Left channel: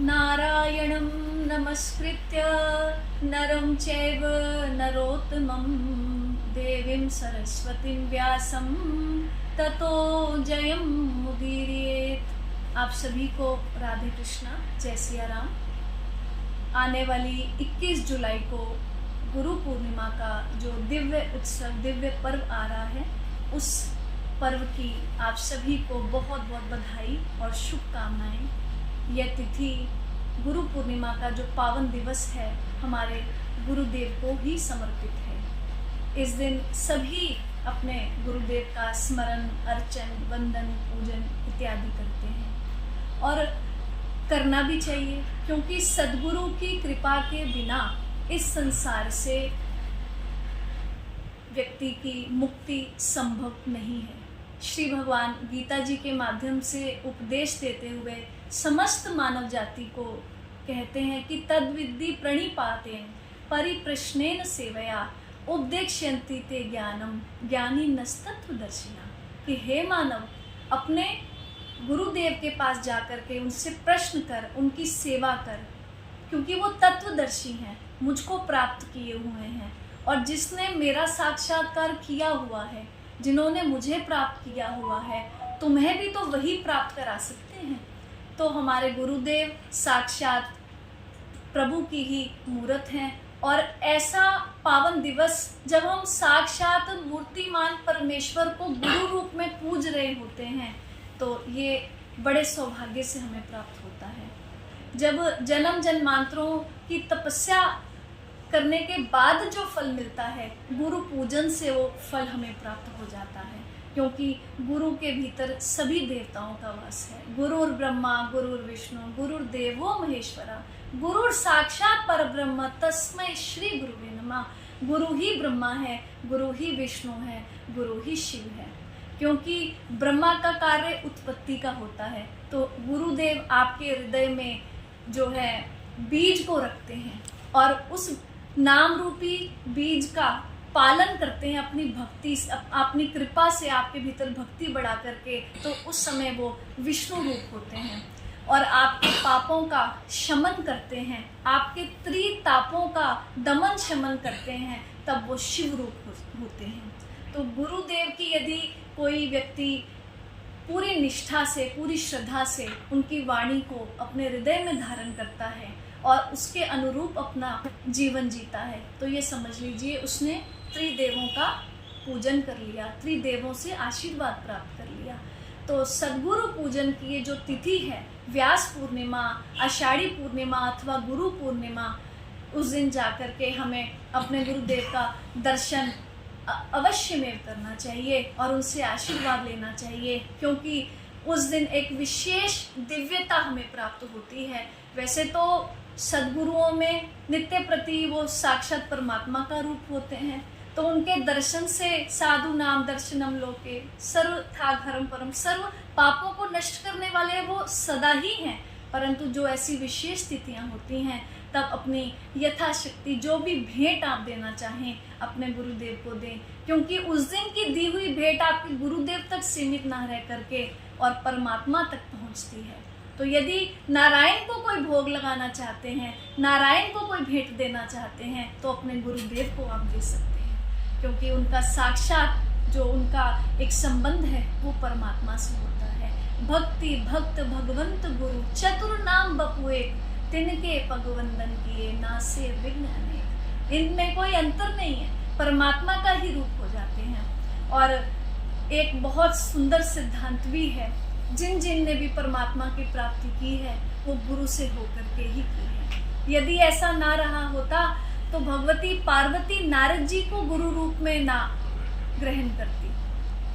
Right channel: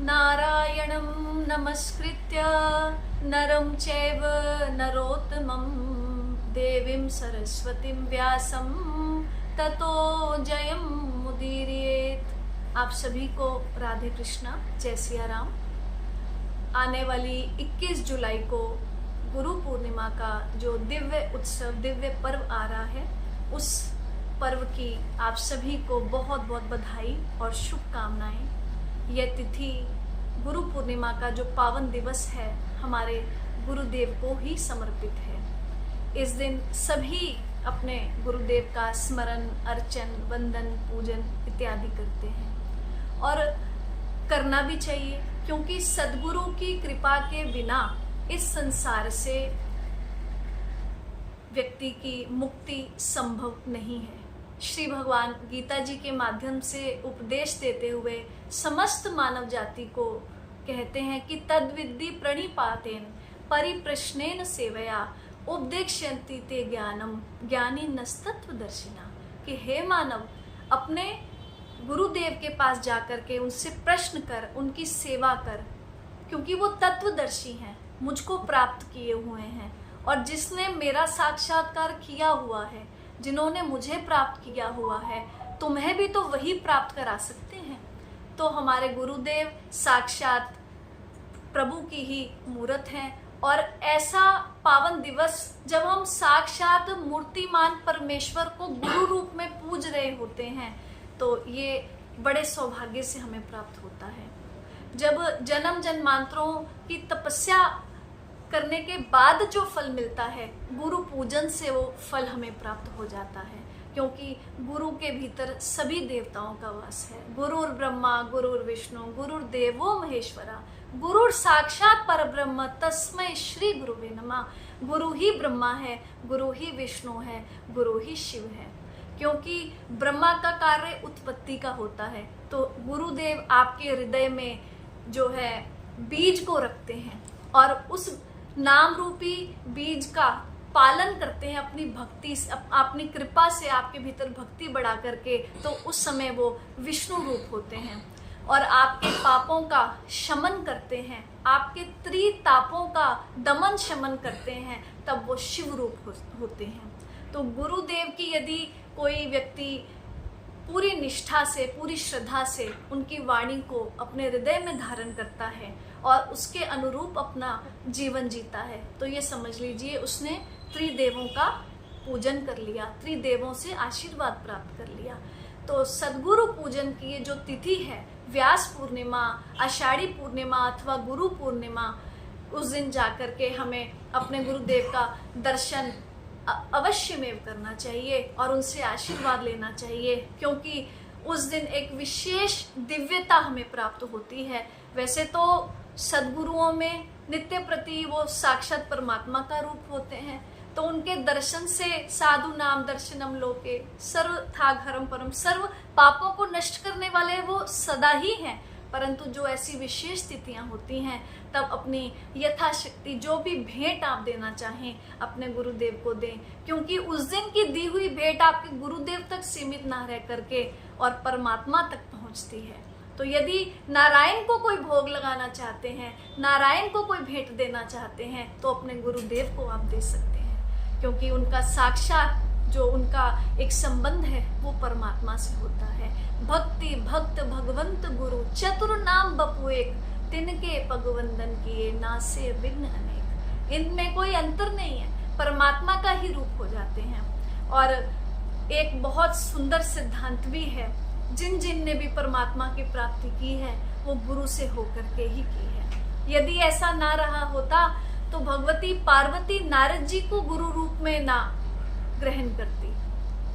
नारायणं नमस्कृत्य नरं चैव नरोत्तमं देवीं सरस्वतीं व्यासं ततो जयं मुदीरयेत्। आप सभी को राधे कृष्णा, जय सिया राम। आने वाली 21 जुलाई को गुरु पूर्णिमा का जो दिव्य उत्सव, दिव्य पर्व आ रहा है, उस पर्व की आप सभी को बहुत बहुत बधाई और शुभकामनाएं। यह तिथि गुरु पूर्णिमा का जो पावन दिवस है, हमारे गुरुदेव को ही समर्पित है। इस दिन सभी अपने गुरुदेव का स्मरण, अर्चन, वंदन, पूजन इत्यादि करते हैं और करना भी चाहिए, क्योंकि सद्गुरु की कृपा के बिना इस संसार से व्यक्ति की मुक्ति संभव नहीं है। श्री भगवान गीता जी के माध्यम से उपदेश देते हुए समस्त मानव जाति को कहते हैं कि तद्विद्धि प्रणिपातेन परिप्रश्नेन सेवया उपदेक्ष्यन्ति ते ज्ञानम ज्ञानी नस्तत्वदर्शिना। कि हे मानव, अपने गुरुदेव के पास जाकर के उनसे प्रश्न कर, उनकी सेवा कर, क्योंकि वो तत्वदर्शी हैं, मुझको प्राप्त किए हुए हैं। और जिसने मेरा साक्षात्कार किया हुआ है, जिन्होंने मुझे प्राप्त किया हुआ है, तुम्हें भी तो वही प्राप्त करा सकते हैं। तो हमारे गुरुदेव साक्षात प्रभु की ही मूर्त हैं और ऐसा पावन दिवस जब हम साक्षात मूर्तिमान परमेश्वर को गुरु रूप में पूज रहे होते हैं, तो ये बड़े सौभाग्य से हमें प्राप्त होता है। जब जन्म जन्मांतरों की तपस्या करने के बाद जो फल मिलता है, गुरु पूजन से वो फल हमें प्राप्त हो जाता है, क्योंकि गुरु के भीतर सभी देवताओं का वास है। गुरुर् ब्रह्मा गुरुर् विष्णु गुरुर्देवो महेश्वरा गुरुर् साक्षात परब्रह्म तस्मै श्री गुरुवे नमः। गुरु ही ब्रह्मा है, गुरु ही विष्णु है, गुरु ही शिव है। क्योंकि ब्रह्मा का कार्य उत्पत्ति का होता है, तो गुरुदेव आपके हृदय में जो है बीज को रखते हैं और उस नाम रूपी बीज का पालन करते हैं अपनी भक्ति, अपनी कृपा से आपके भीतर भक्ति बढ़ा करके। तो उस समय वो विष्णु रूप होते हैं और आपके पापों का शमन करते हैं, आपके त्रितापों का दमन शमन करते हैं, तब वो शिव रूप होते हैं। तो गुरुदेव की यदि कोई व्यक्ति पूरी निष्ठा से, पूरी श्रद्धा से उनकी वाणी को अपने हृदय में धारण करता है और उसके अनुरूप अपना जीवन जीता है, तो ये समझ लीजिए उसने त्रिदेवों का पूजन कर लिया, त्रिदेवों से आशीर्वाद प्राप्त कर लिया। तो सद्गुरु पूजन की ये जो तिथि है, व्यास पूर्णिमा, आषाढ़ी पूर्णिमा अथवा गुरु पूर्णिमा, उस दिन जाकर के हमें अपने गुरुदेव का दर्शन अवश्य में करना चाहिए और उनसे आशीर्वाद लेना चाहिए, क्योंकि उस दिन एक विशेष दिव्यता हमें प्राप्त होती है। वैसे तो सद्गुरुओं में नित्य प्रति वो साक्षात परमात्मा का रूप होते हैं, तो उनके दर्शन से साधु नाम दर्शनम लोके सर्व थाघरम परम, सर्व पापों को नष्ट करने वाले वो सदा ही हैं। परंतु जो ऐसी विशेष स्थितियां होती हैं, तब अपनी यथाशक्ति जो भी भेंट आप देना चाहें अपने गुरुदेव को दें, क्योंकि उस दिन की दी हुई भेंट आपके गुरुदेव तक सीमित ना रह करके और परमात्मा तक पहुंचती है। तो यदि नारायण को कोई भोग लगाना चाहते हैं, नारायण को कोई भेंट देना चाहते हैं, तो अपने गुरुदेव को आप दे सकते हैं, क्योंकि उनका साक्षात जो उनका एक संबंध है वो परमात्मा से होता है। भक्ति भक्त भगवंत गुरु चतुर नाम बपुए तिनके पगवंदन किए नासे विघ्न अनेक। इनमें कोई अंतर नहीं है, परमात्मा का ही रूप हो जाते हैं। और एक बहुत सुंदर सिद्धांत भी है, जिन जिन ने भी परमात्मा की प्राप्ति की है वो गुरु से होकर के ही की है। यदि ऐसा ना रहा होता तो भगवती पार्वती नारद जी को गुरु रूप में ना ग्रहण करती।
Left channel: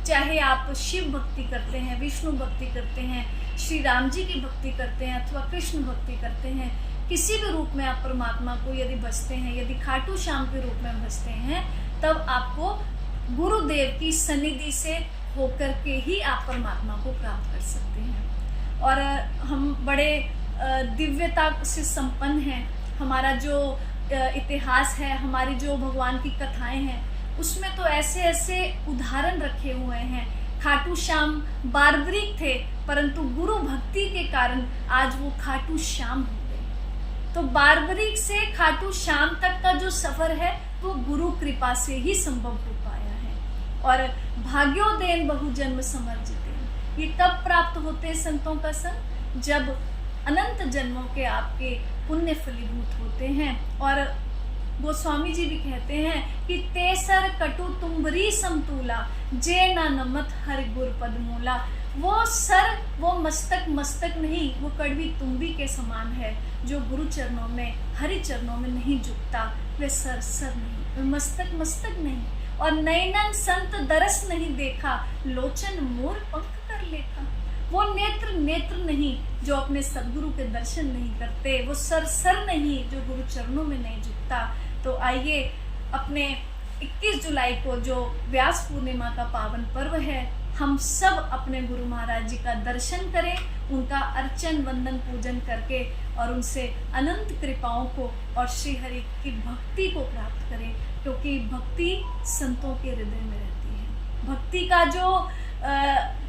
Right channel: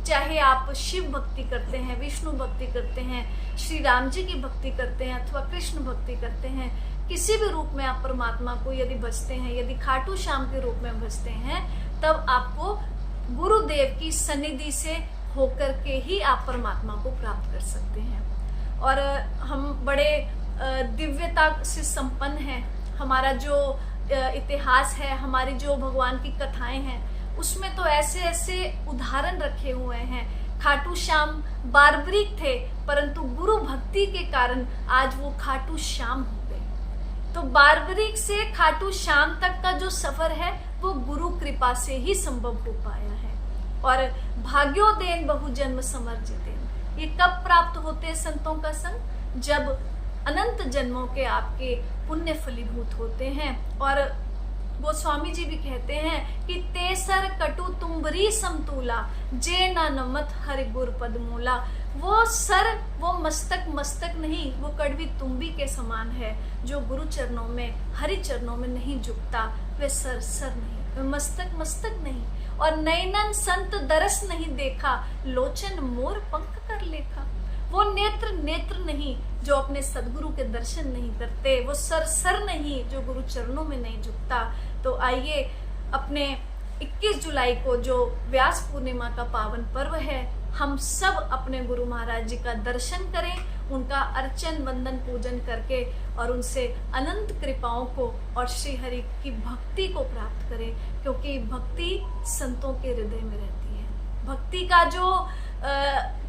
चाहे आप शिव भक्ति करते हैं, विष्णु भक्ति करते हैं, श्री राम जी की भक्ति करते हैं अथवा कृष्ण भक्ति करते हैं, किसी भी रूप में आप परमात्मा को यदि भजते हैं, यदि खाटू श्याम के रूप में भजते हैं, तब आपको गुरुदेव की सन्निधि से होकर के ही आप परमात्मा को प्राप्त कर सकते हैं। और हम बड़े दिव्यता से संपन्न हैं। हमारा जो इतिहास है, हमारी जो भगवान की कथाएं हैं, उसमें तो ऐसे ऐसे उदाहरण रखे हुए हैं। खाटू श्याम बार्बरिक थे, परंतु गुरु भक्ति के कारण आज वो खाटू श्याम हो गए। तो बार्बरिक से खाटू श्याम तक का जो सफर है वो गुरु कृपा से ही संभव हो पाया है। और भाग्योदेन बहुजन्म समर्जितेन, ये कब प्राप्त होते हैं संतों का संग? जब अनंत जन्मों के आपके पुण्य फलीभूत होते हैं। और गोस्वामी जी भी कहते हैं कि तेसर कटु तुम्बरी समतूला, जे ना नमत हरि गुर पद मूला। वो सर, वो मस्तक नहीं, वो कड़वी तुम्बी के समान है जो गुरु चरणों में, हरि चरणों में नहीं झुकता। वे सर नहीं, वे मस्तक नहीं। और नैनन संत दरस नहीं देखा, लोचन मोर पंख कर लेखा। वो नेत्र नहीं जो अपने सदगुरु के दर्शन नहीं करते। वो सर नहीं जो गुरु चरणों में नहीं झुकता। तो आइए अपने 21 जुलाई को जो व्यास पूर्णिमा का पावन पर्व है, हम सब अपने गुरु महाराज जी का दर्शन करें, उनका अर्चन वंदन पूजन करके और उनसे अनंत कृपाओं को और श्री हरि की भक्ति को प्राप्त करें। क्योंकि भक्ति संतों के हृदय में रहती है। भक्ति का जो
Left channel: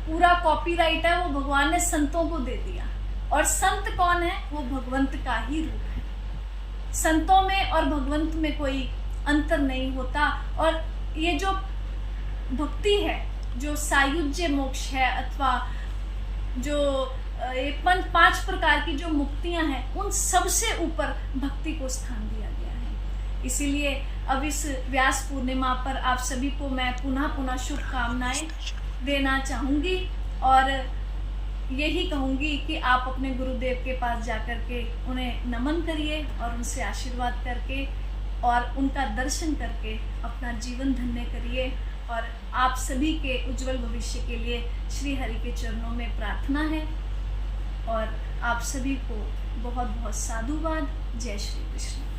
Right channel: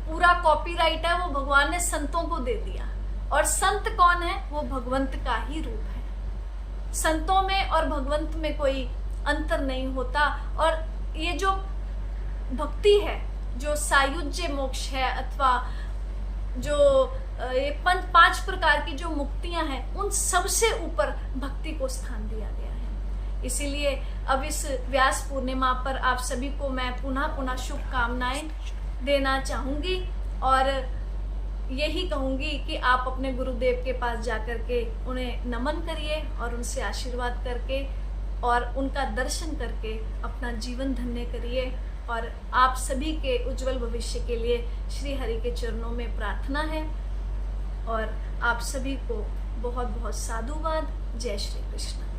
पूरा कॉपीराइट है वो भगवान ने संतों को दे दिया। और संत कौन है? वो भगवंत का ही रूप है। संतों में और भगवंत में कोई अंतर नहीं होता। और ये जो भक्ति है, जो सायुज्य मोक्ष है, अथवा जो 5 प्रकार की जो मुक्तियां हैं, उन सबसे ऊपर भक्ति को स्थान दिया गया है। इसीलिए अब इस व्यास पूर्णिमा पर आप सभी को मैं पुनः शुभकामनाएं देना चाहूंगी और यही कहूंगी कि आप अपने गुरुदेव के पास जाकर के उन्हें नमन करिए और उनसे आशीर्वाद करके और उनका दर्शन करके अपना जीवन धन्य करिए। और आप सभी के उज्जवल भविष्य के लिए श्री हरि के चरणों में प्रार्थना है। और आप सभी को बहुत बहुत साधुवाद। जय श्री कृष्ण।